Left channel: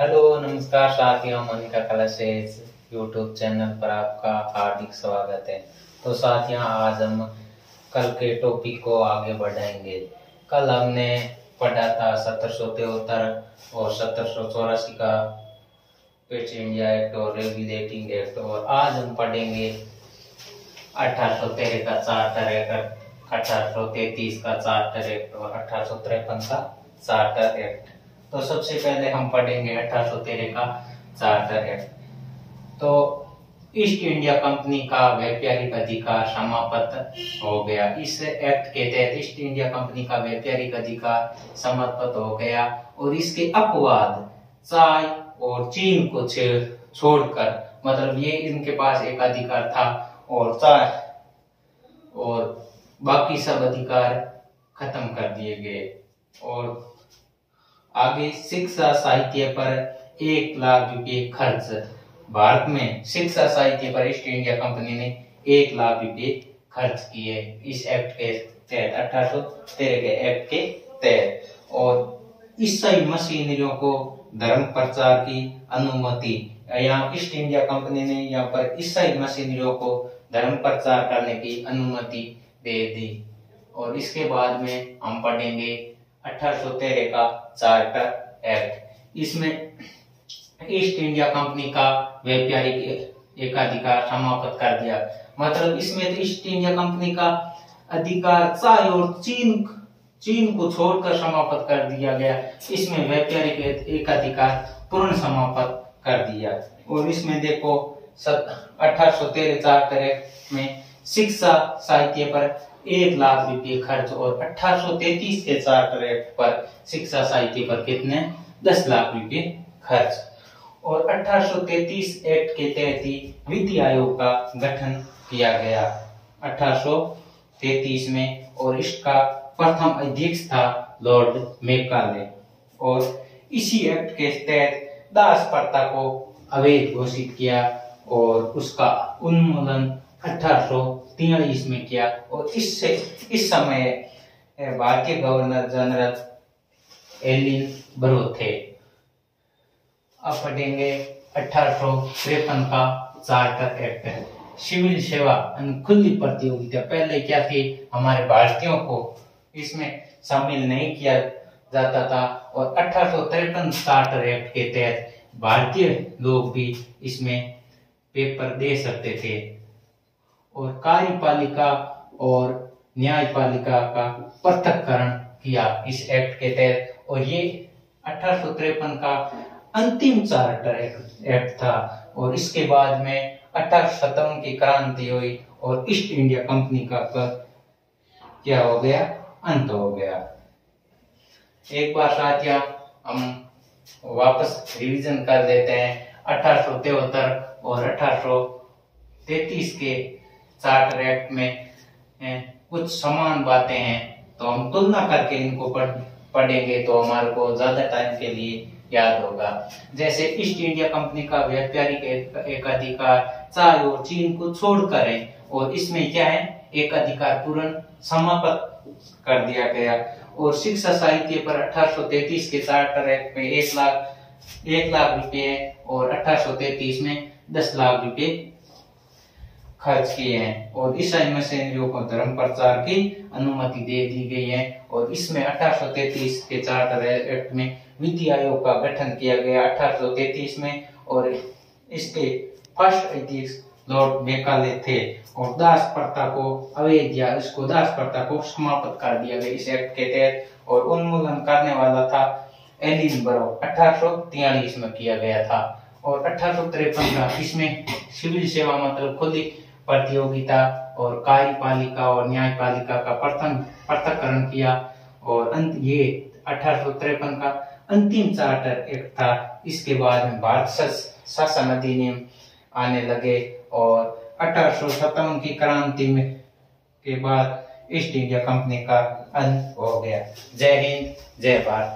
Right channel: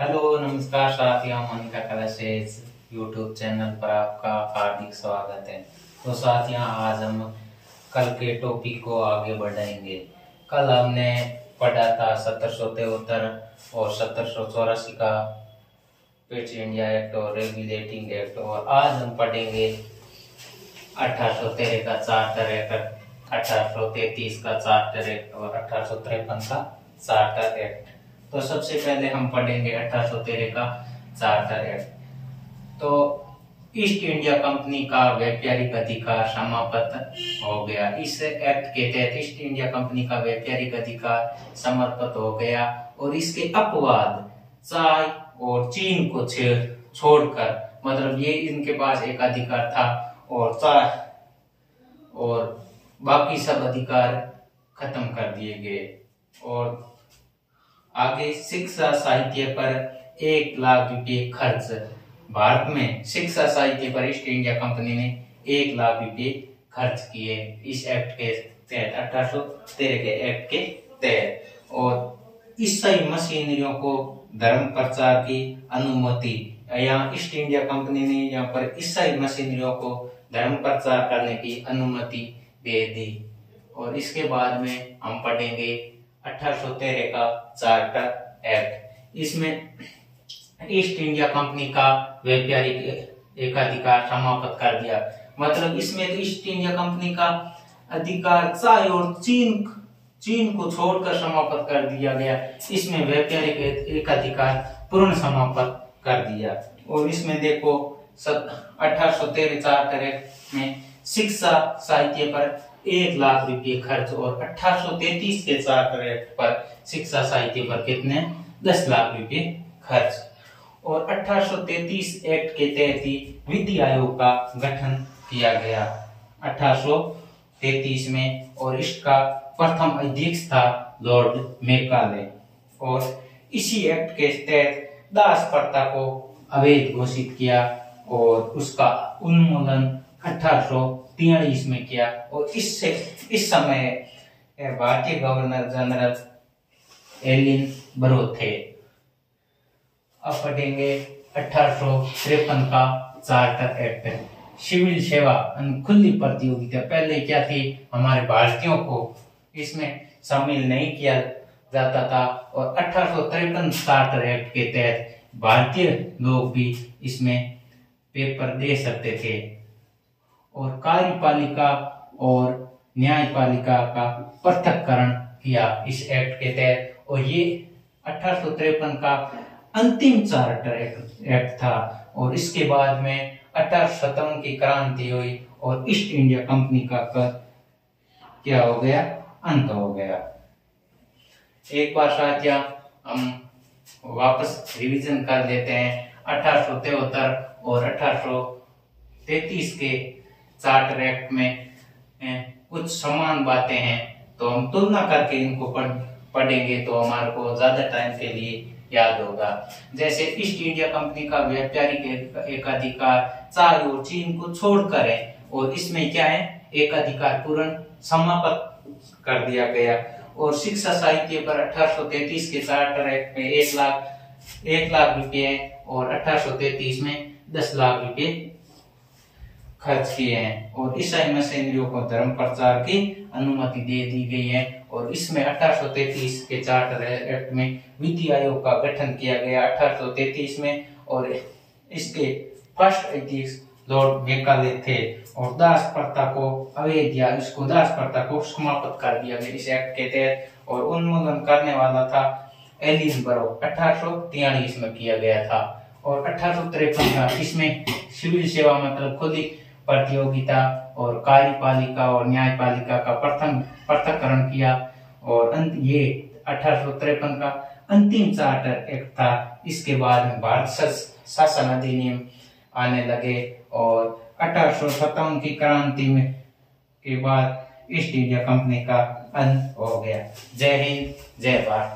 Hello नमस्कार साथियों, Monika classes YouTube channel पर आपका हार्दिक स्वागत है। तो साथियों, आज हम कल के टॉपिक को आगे बढ़ाएंगे। कल हमने पढ़ा था 1773 और 1784 का पेट्स इंडिया एक्ट और रेगुलेटिंग एक्ट, और आज हम पढ़ेंगे 1813 का चार्टर एक्ट, 1833 का चार्टर एक्ट और 1853 का चार्टर एक्ट। तो सबसे पहले हम पढ़ेंगे 1813 का चार्टर एक्ट। तो ईस्ट इंडिया कंपनी का व्यापारिक अधिकार समाप्त हो गया। इस एक्ट के तहत ईस्ट इंडिया कंपनी का व्यापारिक अधिकार समाप्त हो गया और इसके अपवाद चाय और चीन को छोड़कर, मतलब ये इनके पास एक अधिकार था और चाय और बाकी सब अधिकार खत्म कर दिए गए। और आगे शिक्षा साहित्य पर 1 लाख रुपए खर्च। भारत में शिक्षा साहित्य पर ईस्ट इंडिया कंपनी ने 1 लाख रुपए खर्च किए इस एक्ट के तहत, 1813 के एक्ट के तहत। और ईसाई मशीनरियों को धर्म प्रचार की अनुमति, यहाँ ईस्ट इंडिया कंपनी ने यहाँ पर ईसाई मशीनरियों को धर्म प्रचार करने की अनुमति दे दी। और इसके बाद में हम पढ़ेंगे 1813 का चार्टर एक्ट। इसमें ईस्ट इंडिया कंपनी का व्यापारिक एकाधिकार समाप्त कर दिया। मतलब इसमें तो ईस्ट इंडिया कंपनी का अधिकार चाय और चीन को छोड़कर समाप्त कर दिया गया। इसमें व्यापारिक एकाधिकार पूर्ण समाप्त कर दिया। और इसमें देखो 1813 चार्टर एक्ट में शिक्षा साहित्य पर 1 लाख रुपए खर्च और 1833 के चार्टर एक्ट पर शिक्षा साहित्य पर कितने 10 लाख रुपए खर्च। और 1833 एक्ट के तहत ही विधि आयोग का गठन किया गया 1833 में, और इसका प्रथम अध्यक्ष था लॉर्ड मैकाले। और इसी एक्ट के तहत दास प्रथा को अवैध घोषित किया और उसका उन्मूलन 1843 में किया। और इस समय भारतीय गवर्नर जनरल एलिन बरो थे। अब पढ़ेंगे 1853 का चार्टर एक्ट। सिविल सेवा खुली प्रतियोगिता, पहले क्या थी, हमारे भारतीयों को इसमें शामिल नहीं किया जाता था। और 1853 चार्टर एक्ट के तहत भारतीय लोग भी इसमें पेपर दे सकते थे। और कार्यपालिका और न्यायपालिका का पृथक्करण किया इस एक्ट के तहत। और ये 1853 का अंतिम चार्टर एक्ट था। और इसके बाद में 1857 की क्रांति हुई और ईस्ट इंडिया कंपनी का क्या हो गया, अंत हो गया। एक बार साथियों हम वापस रिवीजन कर लेते हैं। 1873 और 1833 के चार्टर एक्ट में कुछ समान बातें हैं, तो हम तुलना करके इनको पढ़ेंगे तो हमारे को ज्यादा टाइम के लिए याद होगा। जैसे ईस्ट इंडिया कंपनी का व्यापारिक एकाधिकार चाय और चीन को छोड़कर है, और इसमें क्या है, एक अधिकार पूर्ण समाप्त कर दिया गया। और शिक्षा साहित्य पर 1833 के चार्टर एक्ट में 1 लाख रुपए और 1833 में 10 लाख रुपए खर्च किए हैं। और ईसाई मशीनरियों को धर्म प्रचार की अनुमति दे दी गई है। और इसमें 1833 के चार्टर एक्ट में विधि आयोग का गठन किया गया 1833 में, और इसके फर्स्ट अध्यक्ष लॉर्ड मैकाले थे। और दास प्रथा को अवैध या इसको दास प्रथा को समाप्त कर दिया गया इस एक्ट के तहत। और उन्मूलन करने वाला था एलिन बरो, 1843 में किया गया था। और 1853 का इसमें सिविल सेवा मतलब खुली प्रतियोगिता और कार्यपालिका और न्यायपालिका का पृथक्करण किया। और ये 1853 का अंतिम चार्टर एक्ट था। इसके बाद में भारत शासन अधिनियम आने लगे। और 1857 की क्रांति में के बाद ईस्ट इंडिया कंपनी का अंत हो गया। जय हिंद, जय भारत।